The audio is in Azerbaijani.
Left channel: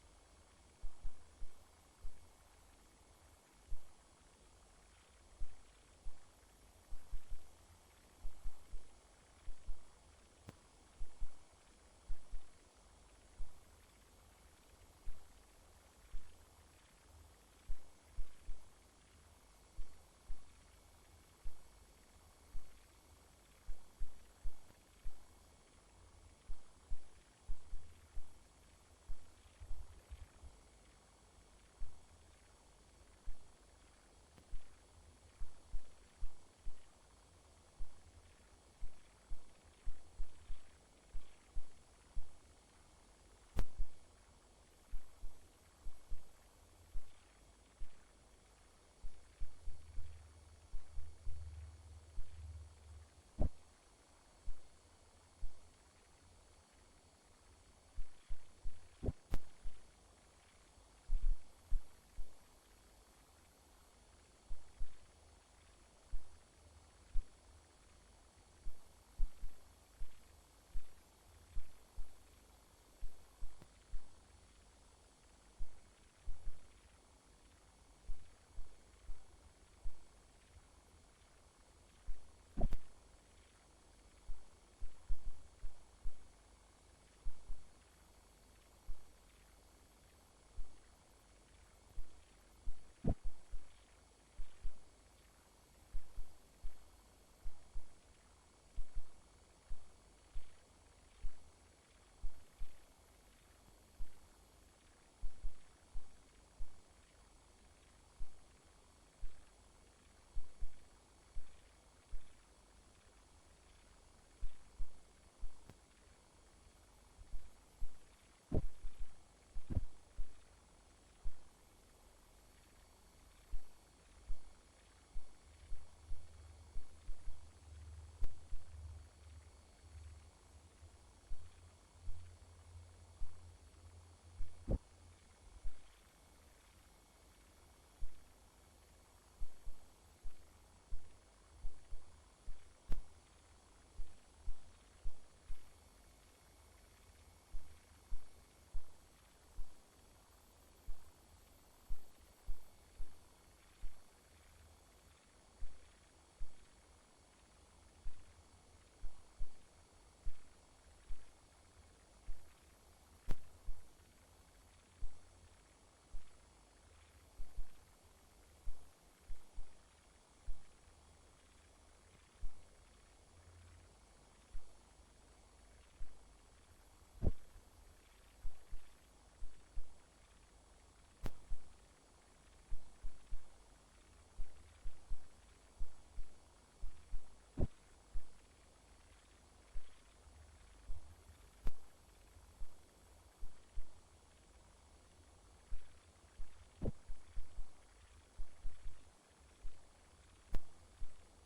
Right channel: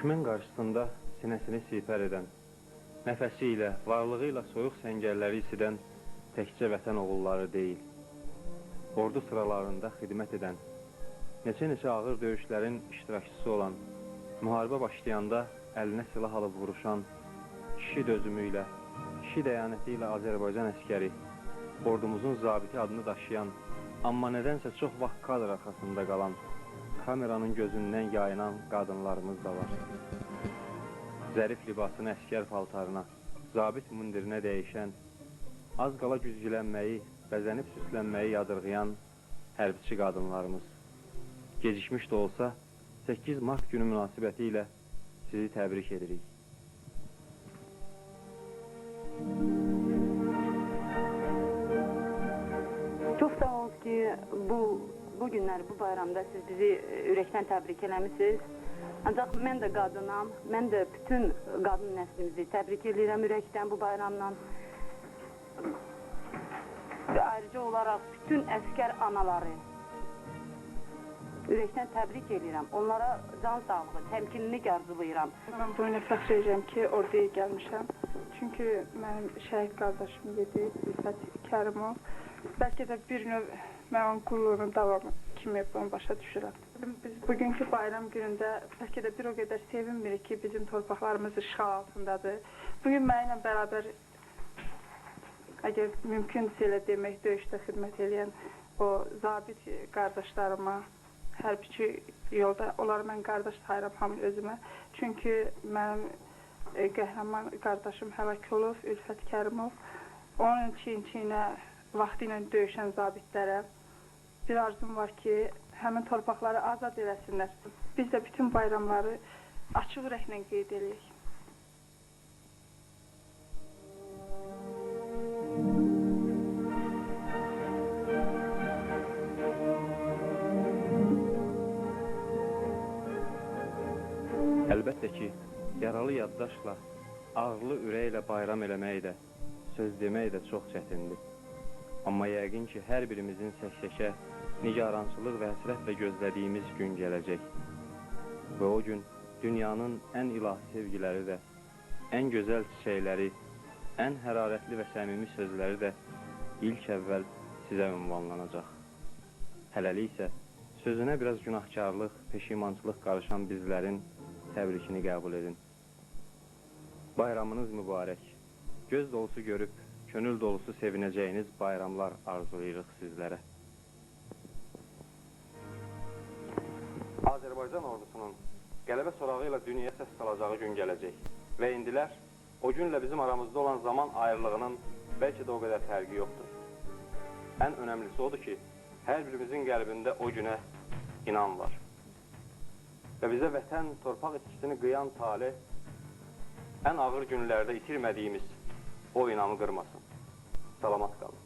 Düşmən qarşısında sinəsini sipər edən, nəfəsi ilə, varlığı ilə soyuq səngərləri isidən təkcə vətən oğulları deyil, ordu sıralarında xidmət edən, neçə ağır döyüşlərin iştirakçısı olan, müharibə başlayanda əlinə silah alıb vuruşan, kişi dözümü ilə, kişi dəyanəti ilə Azərbaycan əskəri, ordumuzun zabiti adını daşıyan, amma nədənsə çox vaxt kadr arxasında qalan, kameranın gözündən yayınan qadınlarımız da var. Zərif libasını əskər paltarına, zabit mundirinə dəyişən, az qala güzgülənməyi, bəzənib süslənməyi yadırğayan hərbiçi qadınlarımız. Gecikmiş də olsa, 8 mart günü münasibəti ilə sizi təbrik edirik. Çox sağ olun ki, bu günləri, bu bayramda siz bizi ürəkdən təbrik eləmişsiniz. Ancaq mən də qadınam, mən də bütün qadın nəslimizi təbrik edirəm ürəkdən bu bayramla. Və ayrıca olaraq bütün əskər anaları ürəkdən təbrik edirəm. Onlara can sağlığı, təmkinini arzulayıram. Mən bu günə fəxr edirəm ki, orduya gəlmişəm. Çünki mənim şəhid qardaşım idi, İlfət Kərimov. Bəlkə də bir növ mən onun qulluğunun davamı kimi bunu başa düşürəm. Biz bugünkü bayram günündə bəlkə də bir o qədər sevinmirik ki, bizim torpaqlarımız işğal altındadır. Bugün mənimlə bərabər, əgər mümkündürsə elə demək, döyüşdə xidmət edən o zabit qardaşlarıma, hərbiçi yolda, onları mən qardaş sayıram hamı özümə. Çünki mənim qəhrəman qardaşım həlak olub, İlfət Kərimov. Onun çiyin-çiyinə vaxtı ilə döyüşən zabitlərə bir arzum var ki, həmin torpaqları azad eləsinlər. Biz də bütün bayramları açıq ürəklə qeyd edirik. Əlbəttə ki, yaralı yaddaşla, ağırlı ürəklə bayram eləmək də, söz demək də çox çətindir. Amma yəqin ki, hər birimizin səksəkə, nigarançılıq və həsrətlə gözlədiyimiz gün gələcək. Və o gün dünyanın ən ilahi sevgiləri də, ən gözəl çiçəkləri, ən hərarətli və səmimi sözləri də ilk əvvəl sizə ünvanlanacaq. Hələlik isə sözünə biraz günahkarlıq, peşimançılıq qarışan bizlərin təbrikini qəbul edin. Bayramınız mübarək. Göz dolusu görüb, könül dolusu sevinəcəyiniz bayramlar arzulayırıq sizlərə. Azərbaycan ordusunun qələbə sorağı ilə dünyaya səs salacağı gün gələcək. Və indilər o günlə bizim aramızda olan zaman ayrılığının bəlkə də o qədər fərqi yoxdur. Ən önəmlisi odur ki, hər birimizin qəlbində o günə inan var. Və bizə vətən, torpaq itkisini qıyan talih, ən ağır günlərdə itirmədiyimiz o inamı qırmasın. Salamat qalın.